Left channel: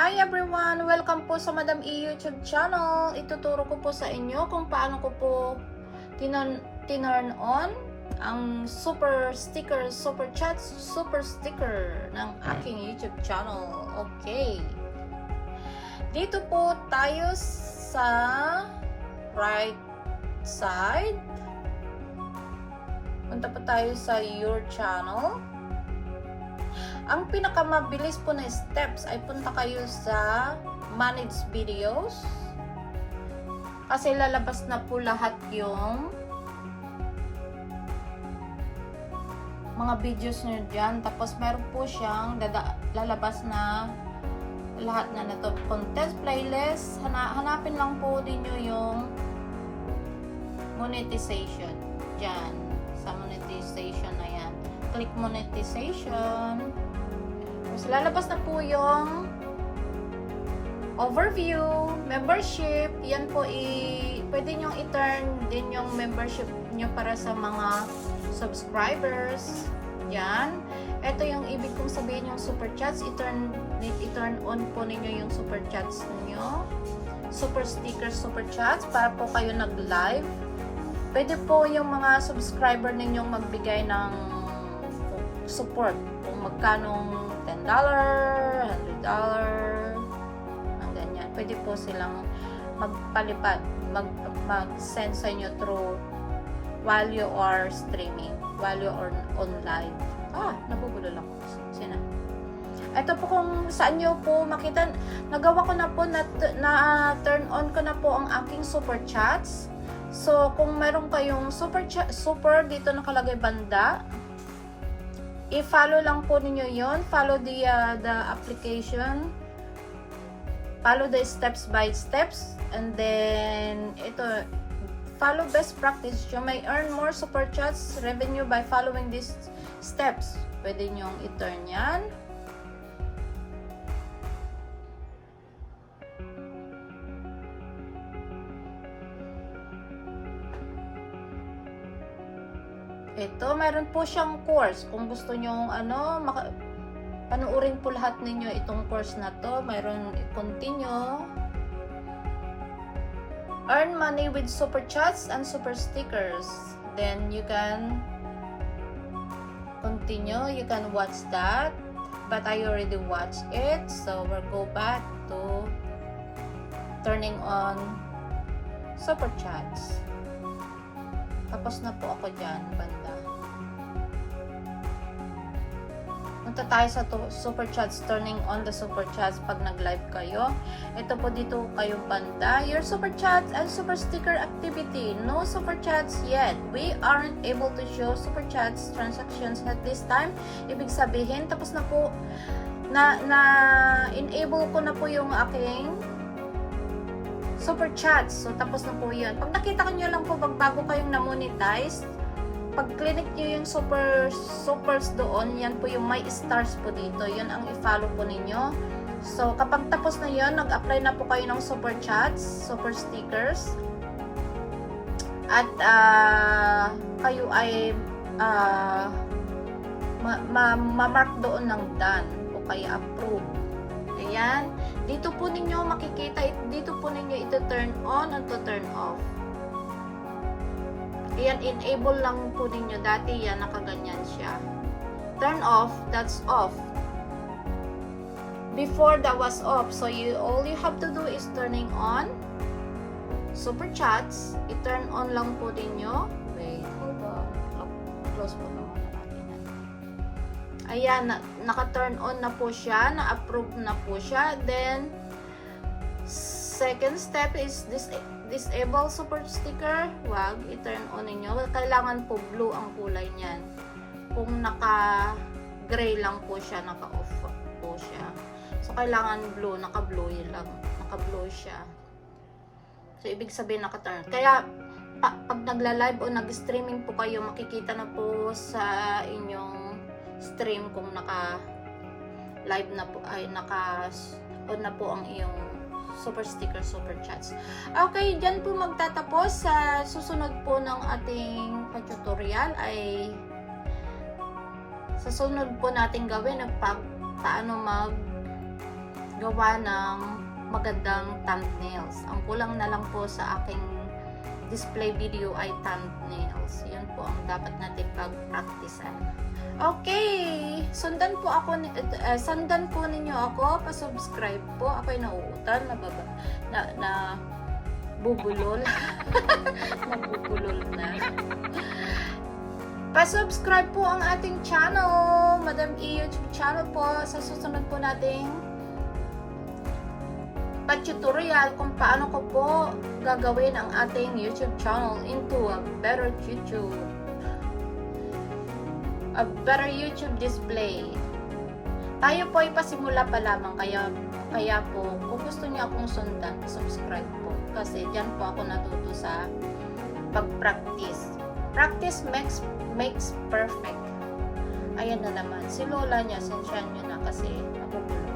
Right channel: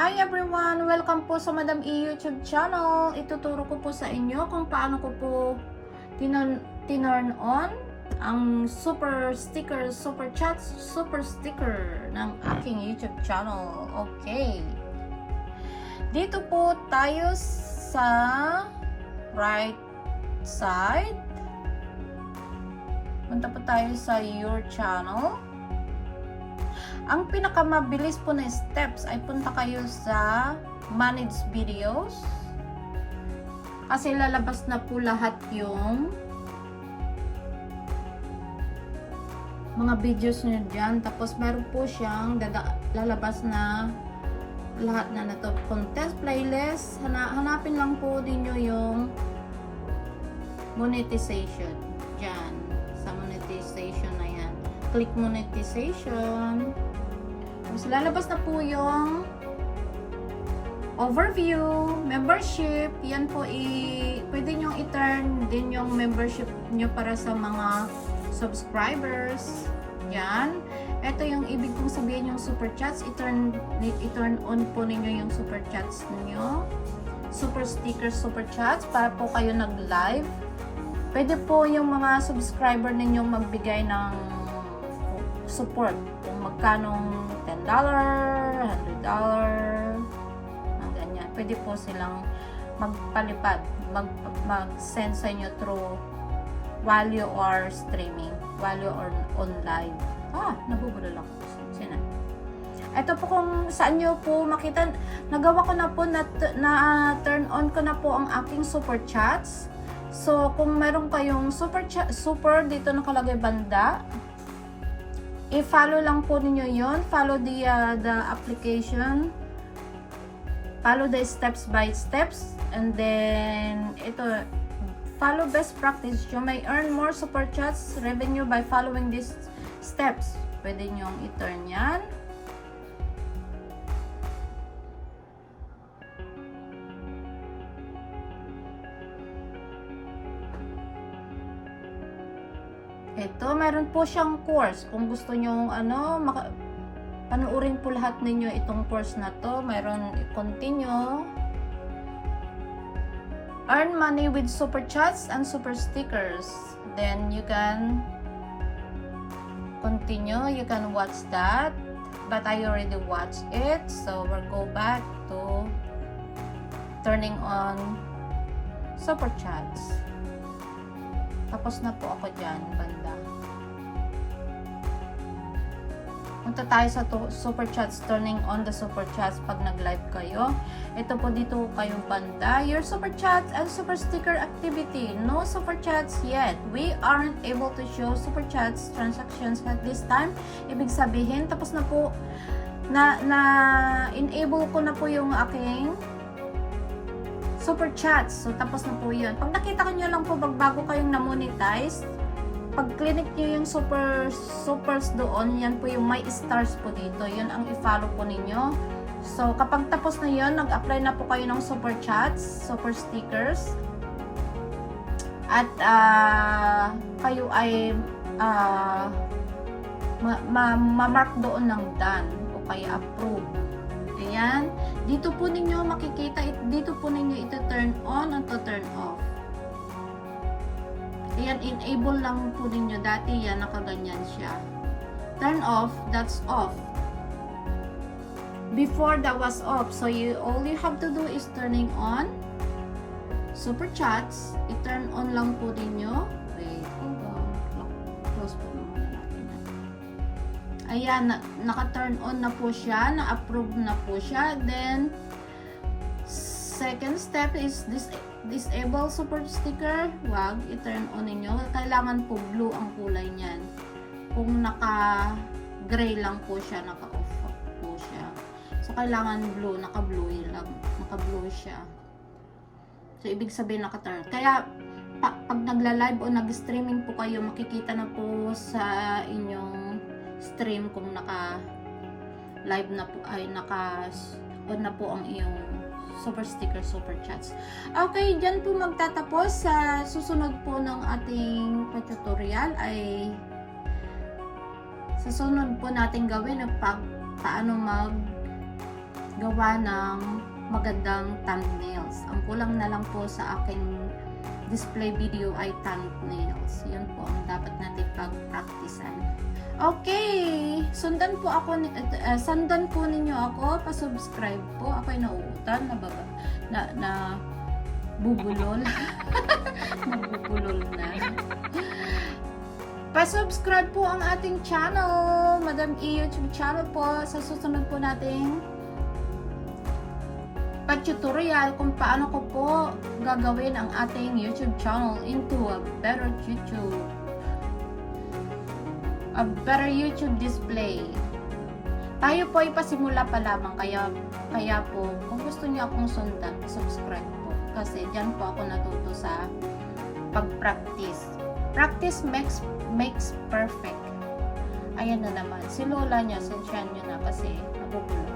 Hi everyone! Welcome po sa Madam E YouTube channel. Ituturo ko po sa inyo kung paano ko po tinurn on ang super sticker, super chat, super sticker ng aking YouTube channel. Okay. Dito po tayo sa right side. Punta po tayo sa your channel. Ang pinakamabilis po na steps ay punta kayo sa manage videos kasi lalabas na po lahat yung mga videos nyo dyan, tapos meron po siyang lalabas na lahat na nito, contest, playlist. Hanapin lang po din nyo yung monetization dyan, sa monetization na yan, click monetization. Mas lalabas na po yung overview, membership. Yan po pwede nyo i-turn din yung membership nyo para sa mga subscribers. Yan. Ito yung ibig kong sabihin yung super chats. I-turn on po ninyo yung super chats ninyo. Super stickers, super chats para po kayo nag-live. Pwede po yung mga subscriber ninyong magbigay ng support. Kung magkanong $10, $100, ang ganyan. Pwede po silang magpalipad, mag-send sa inyo through value or streaming, value or on live. Nagugulo lang po. Sina. Ito po kung saan nyo po makita, nagawa ko na po na turn on ko na po ang aking super chats. So, kung meron kayong super dito nakalagay banda, i-follow lang po ninyo yon. Follow the application. Follow the steps by steps. And then, ito, follow best practice. You may earn more super chats revenue by following these steps. Pwede nyong i-turn yan. Ito, mayroon po siyang course. Kung gusto nyo, panuorin po lahat ninyo itong course na to. Mayroon continue. Earn money with super chats and super stickers. Then you can continue. You can watch that. But I already watched it. So we'll go back to turning on super chats. Tapos na po ako dyan, banda. Punta tayo sa super chats, turning on the super chats pag nag-live kayo. Ito po dito kayong banda. Your super chat and super sticker activity. No super chats yet. We aren't able to show super chats transactions at this time. Ibig sabihin, tapos na po, enable ko na po yung aking super chats. So, tapos na po yun. Pag nakita ko nyo lang po, bago kayong na-monetize, pag clinic nyo yung supers doon, yan po yung may stars po dito. Yun ang i-follow po ninyo. So, kapag tapos na yun, nag-apply na po kayo ng super chats, super stickers. At kayo ay ma-mark doon ng done o kaya approve. Ayan. Dito po ninyo makikita, dito po ninyo ito turn on at turn off. Ayan, enable lang po ninyo. Dati yan, nakaganyan siya. Turn off, that's off. Before, that was off. So, all you have to do is turning on super chats. I-turn on lang po ninyo. Wait, hold on. Close po naman natin. Ayan, naka-turn on na po siya. Na-approve na po siya. Then, second step is disable super sticker. Wag, i-turn on ninyo. Kailangan po blue ang kulay niyan. Kung naka-gray lang po siya, naka-off po siya. So, kailangan blue, naka-blue lang. Naka-blue siya. So, ibig sabihin naka-turn. Kaya, pag nagla-live o nag-streaming po kayo, makikita na po sa inyong stream kung naka-live na po, ay naka-on na po ang iyong super sticker, super chats. Okay, dyan po magtatapos. Sa susunod po ng ating tutorial ay sa sunod po natin gawin paano gumawa ng magandang thumbnails. Ang kulang na lang po sa aking display video ay thumbnails. Yan po ang dapat natin pag-practicean. Okay, sundan po ninyo ako, pa-subscribe po. Ako'y nauutal, na bubulol. Nabubulol na. Pa-subscribe po ang ating channel, Madam E YouTube channel po. Sa susunod po nating tutorial kung paano ko po gagawin ang ating YouTube channel into a better YouTube display. Tayo po ay pasimula pa lamang, kaya po kung gusto niyo akong sundan, subscribe po kasi diyan po ako natuto sa pag-practice. Practice makes perfect. Ayan na naman, si Lola niya, sensyan niyo na kasi magugulo.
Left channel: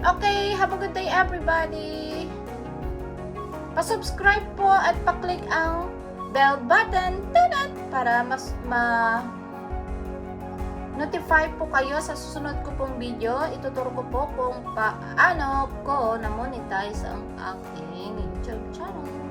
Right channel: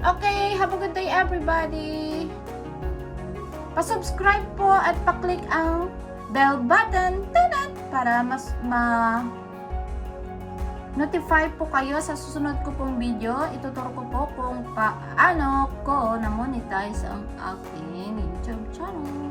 Okay, have a good day everybody. Pa-subscribe po at pa-click ang bell button para mas notify po kayo sa susunod ko pong video. Ituturo ko po kung paano ko na-monetize ang aking YouTube channel.